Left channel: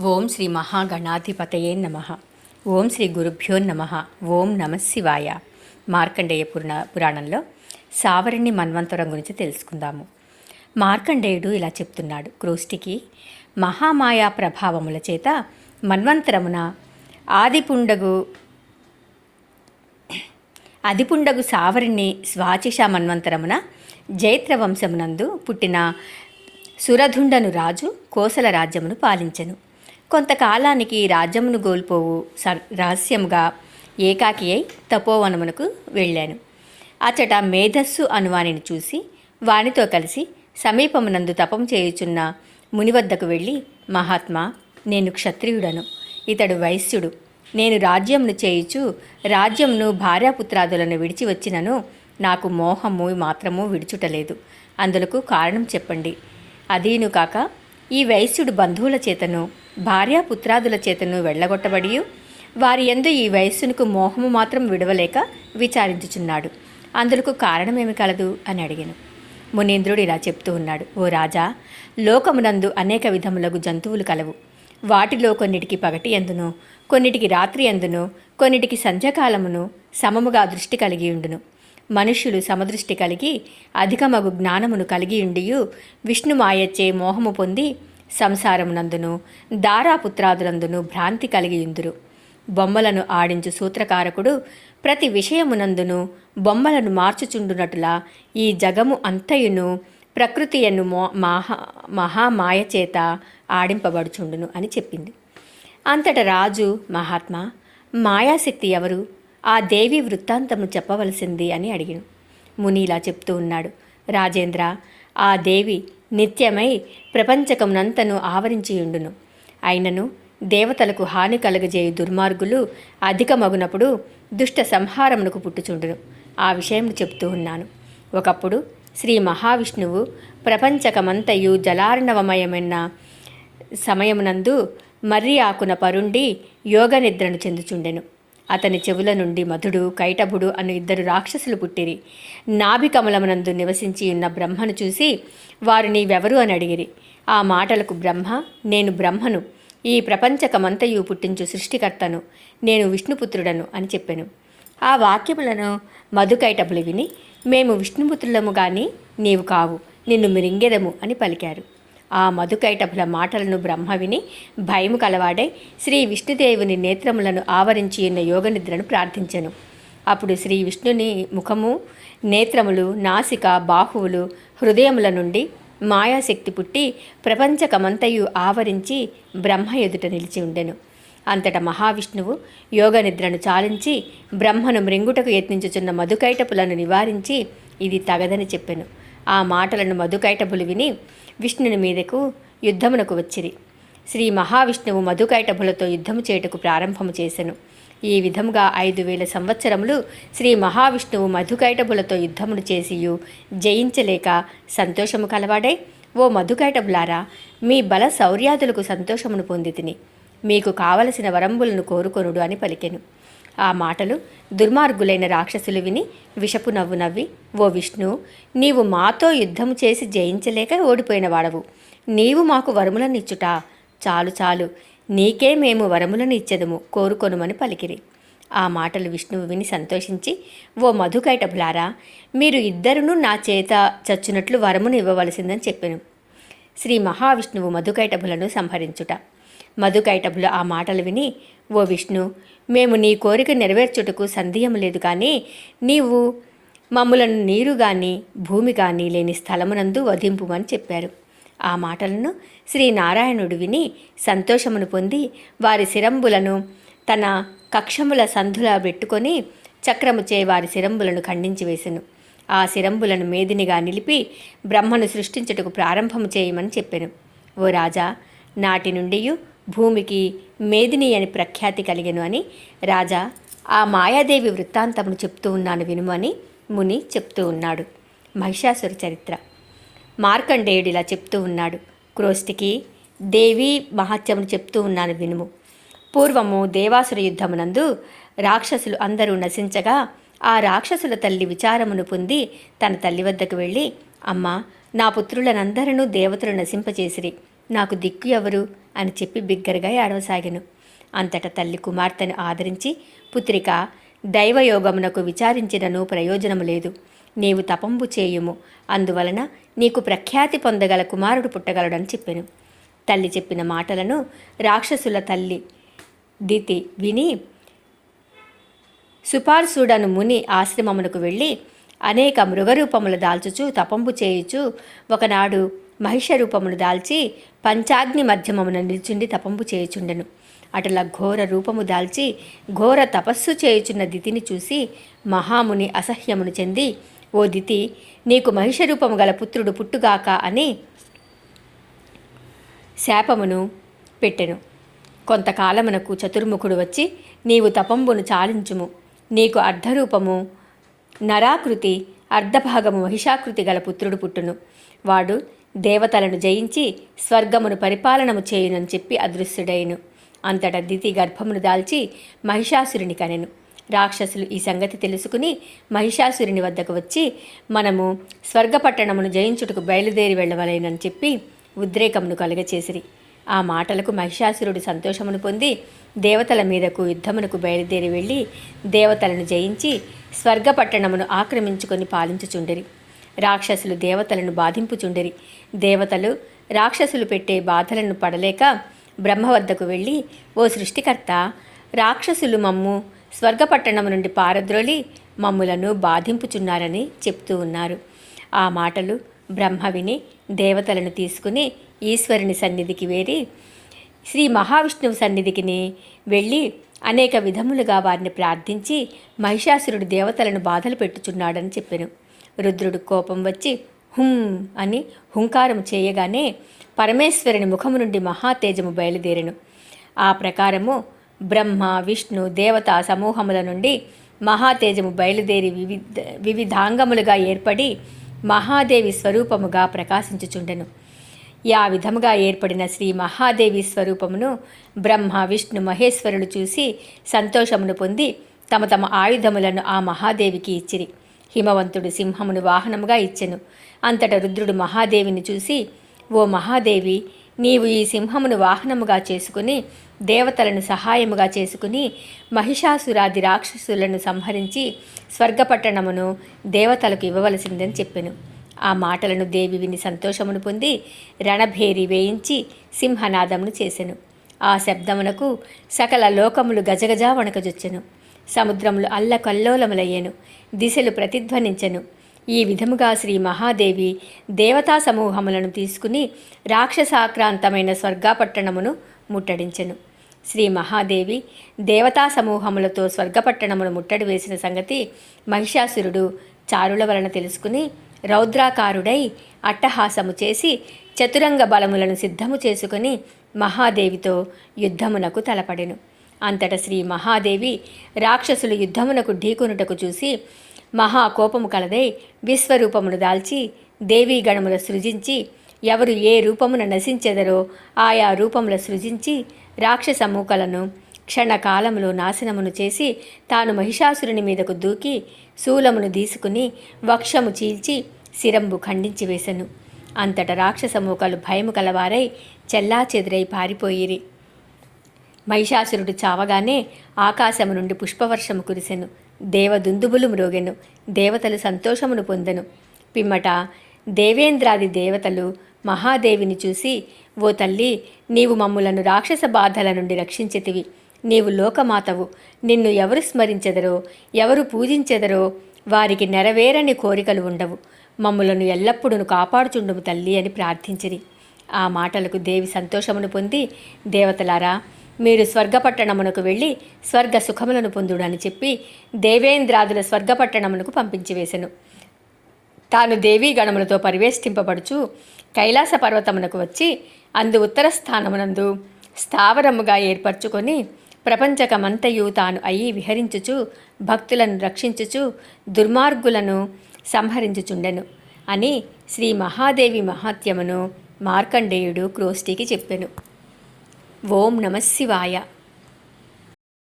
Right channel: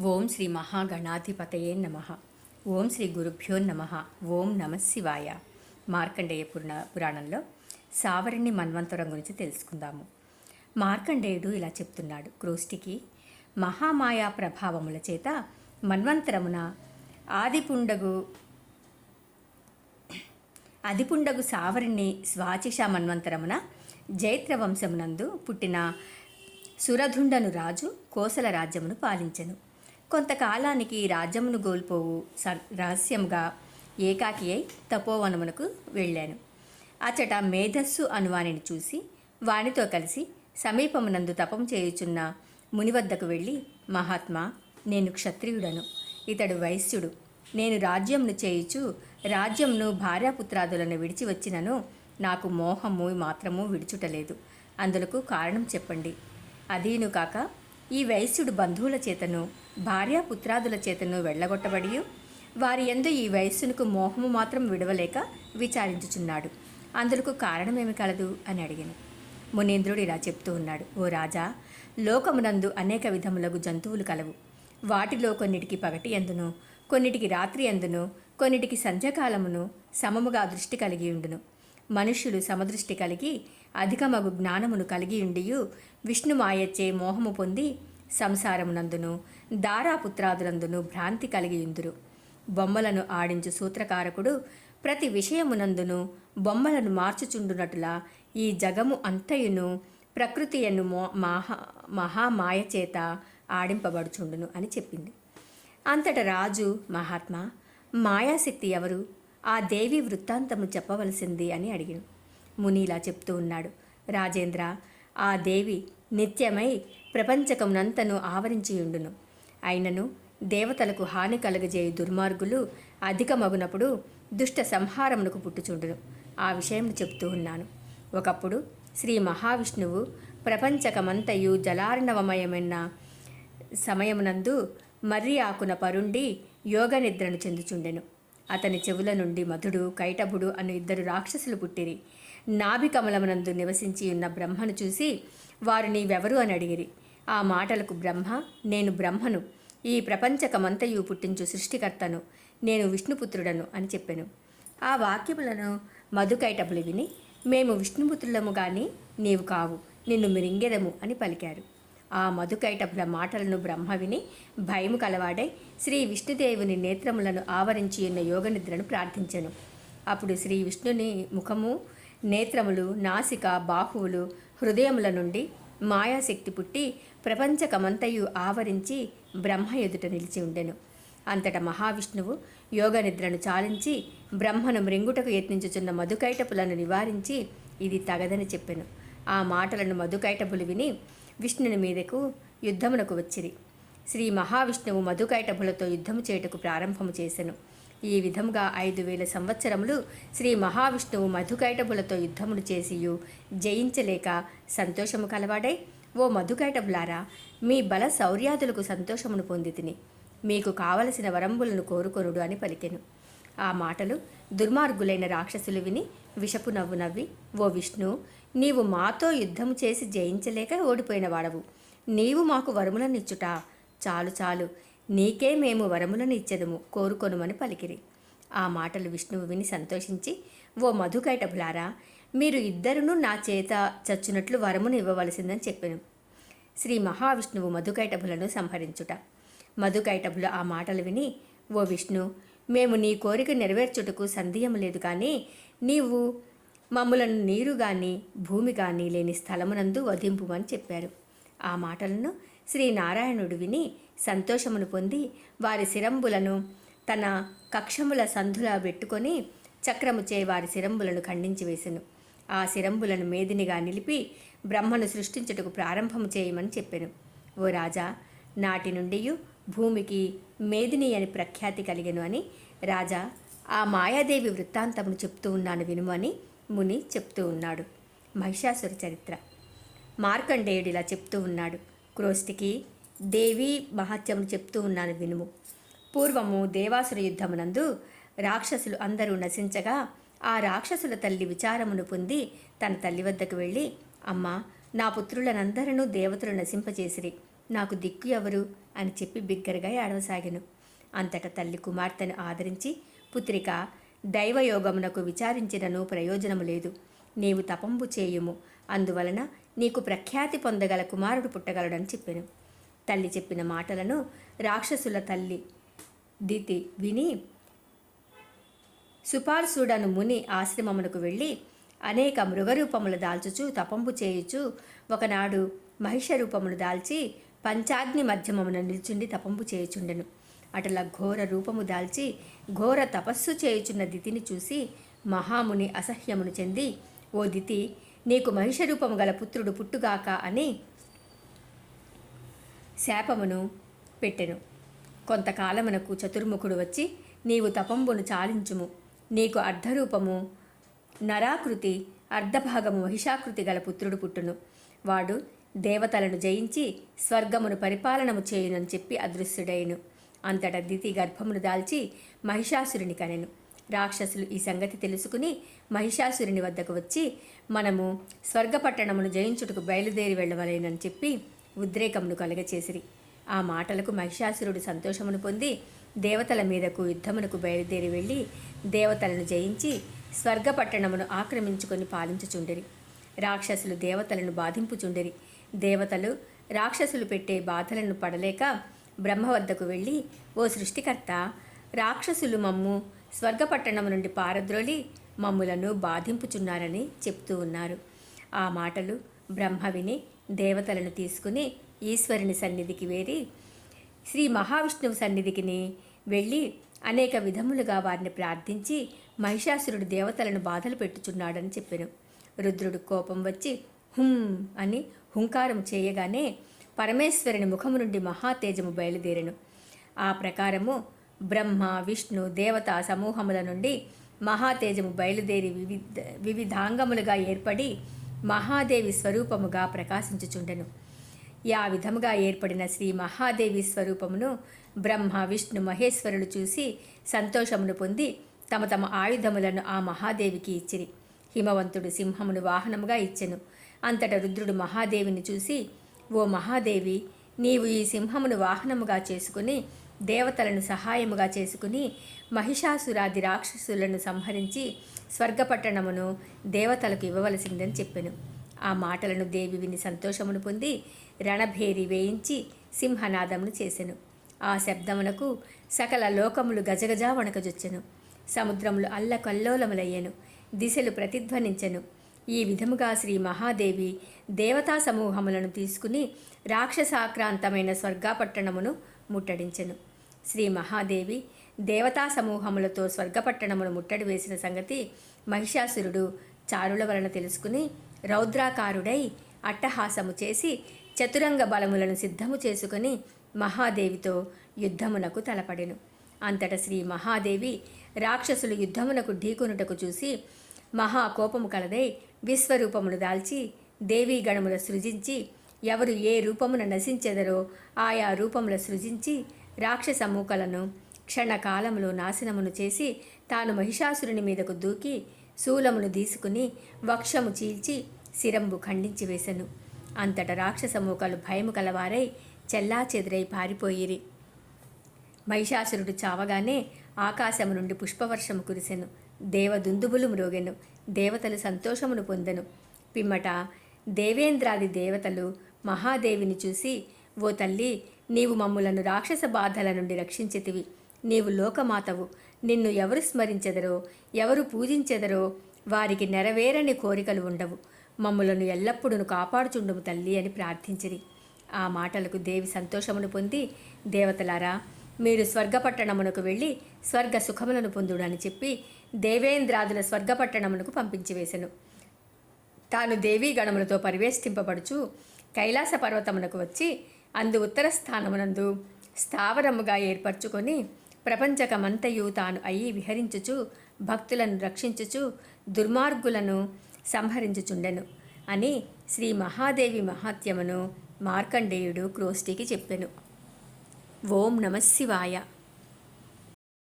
ఓం శ్రీ మహాగణాధిపతయే నమ. ఓం శ్రీ గురుభ్యో నమ. ఓం నమ శివాయ. మార్కండేయ పురాణంలో సావరణి మన్వంతరం గురించి తెలుసుకుందాము. మార్కండేయుడు ఇలా చెప్తున్నాడు. క్రోష్టికి మహామాయా ప్రభావముల చేత మన్వంతరమున అదిపుండగు సావరిని స్వాచిష మన్వంతరమున జైత్రవంశమునందు పుట్టిన సురధుండను రాజు కోసల రాజ్యమును పాలించెను. కొంతకాలానికి రాజ్యమును గోల్పోవు రహస్యముగా ఏకాకి అయి తపోవనమునకు వెళ్ళాను. అచట మేధస్సు అనువానిని చూసి వానితో కలిసి సమీపమునందు తపం చేయుచున్న మునివద్దకు వెళ్ళి, మహాత్మా, నేను క్షత్రియుడను, ఇతడు వైశ్యుడు. నేను రాజ్యమును చేయుచు రాజ్యమును భార్యాపుత్రాదులను విడిచి వచ్చినను నాకు మోహము మాత్రము విడుచుటలేదు. అందులకు కారణం చెప్పండి. అదీను కాక ఈ వైశ్యుడు బంధువుల చేతను భార్యాపుత్రాదుల చేతను వెళ్ళగొట్టబడి వారి యందు ఈ వైశ్యునికి మోహము మాత్రం విడవలేక విచారించుచున్నాడు. అందులకు కారణమేమి కలదు అని అడిగాను. మునీంద్రుడు ఇలా చెప్తూ ఉన్నాడు. ఓ రాజా, లోకమునందు అనేక విధములకు జంతువులు కలవు. వాటిలో కొన్నిటికి పగటి ఎందును, కొన్నిటికి రాత్రి ఎందును, కొన్నిటికి సంధ్యాకాలమును సమముగా దృష్టి కలిగి ఉండును. మనుష్యులు సమదృష్టి కలిగి అధికమగు జ్ఞానమును కలిగి ఉండియు విష్ణుమాయచ్చే మోహము పొంది సంసారమునందును దారాపుత్రాదులందును భ్రాంతి కలిగి ఉందురు. బొమ్మలను ఆడించు సూత్రకారకుడు ప్రతి విషయమునందును బొమ్మలను మార్చుచుండునటులా ఈ జగము అంతయును ప్రకృతియను మహామాయచేత ఆడింపబడుచుండును అని చెప్పింది. అంతట రాజు, మహాత్మా, మాయాశక్తి ఎవరు? ఆ దేవి వృత్తాంతము చెప్పవలసింది అని అడిగాను. ముని ఇలా చెప్తూ ఉన్నాడు. రాజేంద్ర, ఆ దేవి నిత్యమై ప్రపంచకమునంతను ఆవరించియుండును. అయినను దేవతలకు హాని కలగజేయు దుర్మార్గులు అధికమగునప్పుడు దుష్ట సంహారమునకు పుట్టుచుండును. ఆ విషయం చెప్తూ ఉన్నాను. ఒకప్పుడు శ్రీ మహావిష్ణువు ప్రపంచకమంతయు జలార్ణవమయమైన సమయమునందు మర్రి ఆకున పరుండి యోగ నిద్రను చెందుచుండెను. అతని చెవుల నుండి మధుడు, కైటభుడు అను ఇద్దరు రాక్షసులు పుట్టిరి. నాభికమలమునందు నివసించి ఉన్న బ్రహ్మను చూసి వారు నీవెవరు అని అడిగిరి. ఆ మాటలకు బ్రహ్మ, నేను బ్రహ్మను, ఈ ప్రపంచకమంతయు పుట్టించు సృష్టికర్తను, నేను విష్ణుపుత్రుడను అని చెప్పాను. ఆ వాక్యములను మధుకైటభులు విని, మేము విష్ణుపుత్రులము గాని నీవు కావు, నిన్ను మిరింగెదము అని పలికారు. ఆ మధుకైటభుల మాటలను బ్రహ్మ విని భయము కలవాడై శ్రీ విష్ణుదేవుని నేత్రములను ఆవరించి ఉన్న యోగనిద్రను ప్రార్థించెను. అప్పుడు శ్రీ విష్ణుని ముఖము, నేత్రములు, నాసిక, బాహువులు, హృదయముల నుండి మాయాశక్తి పుట్టి ప్రపంచకమంతయు ఆవరించి బ్రహ్మ ఎదుట నిలిచి ఉండెను. అంతటా మహావిష్ణువు యోగనిద్రను చాలించి బ్రహ్మను మృంగుటకు యత్నించుచున్న మధుకైటపులను నివారించి ఇది తగదని చెప్పెను. ఆ మాటలను మధుకైటభులు విని విష్ణుని మీదకు యుద్ధమునకు వచ్చిరి. శ్రీ మహావిష్ణువు మధుకైటభులతో యుద్ధము చేయుటకు ప్రారంభము చేసెను. ఈ విధముగా 5000 సంవత్సరములు శ్రీ మహావిష్ణువు మధుకైటభులతో యుద్ధమును చేసియు జయించలేక సంతోషము కలవాడై, ఓ మధుకైటభులారా, మీ బల శౌర్యాదులకు సంతోషమును పొందితిని, మీకు కావలసిన వరంబులను కోరుకొనుడు అని పలికెను. ఆ మాటలు దుర్మార్గులైన రాక్షసులు విని విషపు నవ్వు నవ్వి, ఓ విష్ణు, నీవు మాతో యుద్ధము చేసి జయించలేక ఓడిపోయిన వాడవు, నీవు మాకు వరములనిచ్చుట చాలు చాలు, నీకే మేము వరములను ఇచ్చెదము, కోరుకొనుమని పలికిరి. ఆ మాటలు విష్ణువు విని సంతోషించి, ఓ మధుకైటభులారా, మీరు ఇద్దరును నా చేత చచ్చునట్లు వరమును ఇవ్వవలసిందని చెప్పెను. శ్రీ మహావిష్ణువు మధుకైటభులను సంహరించుట. మధుకైటభులు ఆ మాటలు విని, ఓ విష్ణు, మేము నీ కోరిక నెరవేర్చుటకు సందేహం లేదు, కానీ నీవు మమ్ములను నీరు గాని భూమి గాని లేని స్థలమునందు వధింపుమని చెప్పారు. ఆ మాటలను శ్రీనారాయణుడు విని సంతోషమును పొంది వారి శిరంబులను తన కక్షముల సంధులా పెట్టుకొని చక్రముచే వారి శిరంబులను ఖండించి వేసెను. ఆ శిరంబులను మేదినిగా నిలిపి బ్రహ్మను సృష్టించుటకు ప్రారంభము చేయమని చెప్పెను. ఓ రాజా, నాటి నుండి భూమికి మేదిని అని ప్రఖ్యాతి కలిగెను అని రాజా, ఆ మాయాదేవి వృత్తాంతమును చెప్తూ ఉన్నాను వినుము అని ముని చెప్తూ ఉన్నాడు. మహిషాసుర చరిత్ర. మార్కండేయుడు ఇలా చెప్తూ ఉన్నాడు. క్రోష్టికి దేవి మహత్యమును చెప్తూ ఉన్నాను వినుము. పూర్వము దేవాసుర యుద్ధమునందు రాక్షసులు అందరూ నశించగా ఆ రాక్షసుల తల్లి విచారమును పొంది తన తల్లి వద్దకు వెళ్ళి, అమ్మా, నా పుత్రులనందరూ దేవతలు నశింపచేసిరి, నాకు దిక్కు ఎవరు అని చెప్పి బిగ్గరగా ఏడవసాగాను. అంతటా తల్లి కుమార్తెను ఆదరించి, పుత్రిక, దైవయోగమునకు విచారించినను ప్రయోజనము లేదు. నీవు తపంబు చేయుము, అందువలన నీకు ప్రఖ్యాతి పొందగల కుమారుడు పుట్టగలడని చెప్పాను. తల్లి చెప్పిన మాటలను రాక్షసుల తల్లి దితి విని సుపార్సుడను ముని ఆశ్రమమునకు వెళ్ళి అనేక మృగరూపములు దాల్చుచు తపంబు చేయుచు ఒకనాడు మహిష రూపమును దాల్చి పంచాగ్ని మధ్యమమున నిల్చుండి తపంబు చేయుచుండెను. అటులా ఘోర రూపము దాల్చి ఘోర తపస్సు చేయుచున్న దితిని చూసి మహాముని అసహ్యమును చెంది, ఓ దితి, నీకు మహిష రూపము గల పుత్రుడు పుట్టుగాక అని శాపమును పెట్టెను. కొంతకాలమునకు చతుర్ముఖుడు వచ్చి, నీవు తపంబును చాలించుము, నీకు అర్ధరూపము నరాకృతి అర్ధభాగము మహిషాకృతి గల పుత్రుడు పుట్టును. వాడు దేవతలను జయించి స్వర్గమును పరిపాలనము చేయునని చెప్పి అదృశ్యుడైను. అంతటా దితి గర్భమును దాల్చి మహిషాసురుని కనెను. రాక్షసులు ఈ సంగతి తెలుసుకుని మహిషాసురుని వద్దకు వచ్చి, మనము స్వర్గపట్టణమును జయించుటకు బయలుదేరి వెళ్ళవలేనని చెప్పి ఉద్రేకమును కలుగచేసిరి. ఆ మాటలకు మహిషాసురుడు సంతోషమును పొంది దేవతల మీదకు యుద్ధమునకు బయలుదేరి వెళ్ళి దేవతలను జయించి స్వర్గపట్టణమును ఆక్రమించుకొని పాలించుచుండిరి. రాక్షసులు దేవతలను బాధింపుచుండిరి. దేవతలు రాక్షసులు పెట్టే బాధలను పడలేక బ్రహ్మ వద్దకు వెళ్ళి, ఓ సృష్టికర్త, రాక్షసులు మమ్ము స్వర్గపట్టణము నుండి పారద్రోలి మమ్ములను బాధింపుచున్నారని చెప్తూ ఉన్నారు. ఆ మాటలు బ్రహ్మ విని దేవతలను తీసుకుని ఈశ్వరుని సన్నిధికి వేరి శ్రీ మహావిష్ణువు సన్నిధికి వెళ్ళి అనేక విధములుగా వారిని ప్రార్థించి మహిషాసురుడు దేవతలను బాధలు పెట్టుచున్నాడని చెప్పెను. రుద్రుడు కోపం వచ్చి హుం అని హుంకారం చేయగానే పరమేశ్వరుని ముఖము నుండి మహాతేజము బయలుదేరెను. ఆ ప్రకారము బ్రహ్మ, విష్ణు, దేవతా సమూహముల నుండి మహాతేజము బయలుదేరి వివిధాంగములుగా ఏర్పడి మహాదేవి స్వరూపముగా ప్రకాశించుచుండెను. ఆ విధముగా ఏర్పడిన శ్రీ మహాదేవి స్వరూపమును బ్రహ్మ, విష్ణు, మహేశ్వరులు చూసి సంతోషమును పొంది తమ తమ ఆయుధములను ఆ మహాదేవికి ఇచ్చిరి. హిమవంతుడు సింహమును వాహనముగా ఇచ్చెను. అంతట రుద్రుడు మహాదేవిని చూసి, ఓ మహాదేవి, నీవు ఈ సింహమును వాహనముగా చేసుకుని దేవతలను సహాయముగా చేసుకుని మహిషాసురాది రాక్షసులను సంహరించి స్వర్గపట్టణమును దేవతలకు ఇవ్వవలసిందని చెప్పెను. ఆ మాటలను దేవి విని సంతోషమును పొంది రణభేరి వేయించి సింహనాదమును చేసెను. ఆ శబ్దమునకు సకల లోకములు గజగజా వణకజొచ్చెను. సముద్రములు అల్లకల్లోలములయ్యెను. దిశలు ప్రతిధ్వనించెను. ఈ విధముగా శ్రీ మహాదేవి దేవతా సమూహములను తీసుకుని రాక్షసాక్రాంతమైన స్వర్గపట్టణమును ముట్టడించెను. శ్రీ మహాదేవి దేవతా సమూహములతో స్వర్గపట్టణమును ముట్టడి వేసిన సంగతి మహిషాసురుడు చారుల వలన తెలుసుకుని రౌద్రాకారుడై అట్టహాసము చేసి చతురంగ బలములను సిద్ధము చేసుకుని మహాదేవితో యుద్ధమునకు తలపడెను. అంతట శ్రీ మహాదేవి రాక్షసులు యుద్ధమునకు ఢీకొనుటకు చూసి మహాకోపము కలదై విశ్వరూపమును దాల్చి దేవీ గణముల సృజించి ఎవరు ఏ రూపమున నశించెదరో ఆయా రూపముల సృజించి రాక్షస మూకలను క్షణకాలములో నాశనమును చేసి తాను మహిషాసురుని మీదకు దూకి శూలమును తీసుకుని వక్షము చీల్చి శిరంబు ఖండించి వేసెను. అంతట రాక్షస మూకలు భయము కలవారై చెల్లాచెదురై పారిపోయిరి. మహిషాసురుడు చావగానే ఆకాశము నుండి పుష్పవర్షము కురిసెను. దేవదుందుబులు మ్రోగెను. దేవతలు సంతోషమును పొందెను. పిమ్మట దేవేంద్రాది దేవతలు మహాదేవిని చూసి, ఓ తల్లి, నీవు మమ్ములను రాక్షస బాధల నుండి రక్షించితివి. నీవు లోకమాతవు. నిన్ను ఎవరు స్మరించెదరో, ఎవరు పూజించెదరో వారికి నెరవేరని కోరికలు ఉండవు. మమ్ములను ఎల్లప్పుడూ కాపాడుచుండుము తల్లి అని ప్రార్థించిరి. ఆ మాటలకు దేవి సంతోషమును పొంది, దేవతలారా, మీరు స్వర్గపట్టణమునకు వెళ్ళి స్వర్గ సుఖములను పొందుడని చెప్పి దేవేంద్రాదుల స్వర్గపట్టణమునకు పంపించివేశెను. తాను దేవీ గణములతో పరివేష్టింపబడుచు కైలాస పర్వతమునకు వచ్చి అందు ఉత్తర స్థానమునందు స్థావరముగా ఏర్పరచుకొని ప్రపంచకమంతయు తాను అయి విహరించుచు భక్తులను రక్షించుచు దుర్మార్గులను సంహరించుచుండెను అని శ్రీ మహాదేవి మహాత్యమును మార్కండేయుడు క్రోష్టికి చెప్పెను. ఓం నమః శివాయ.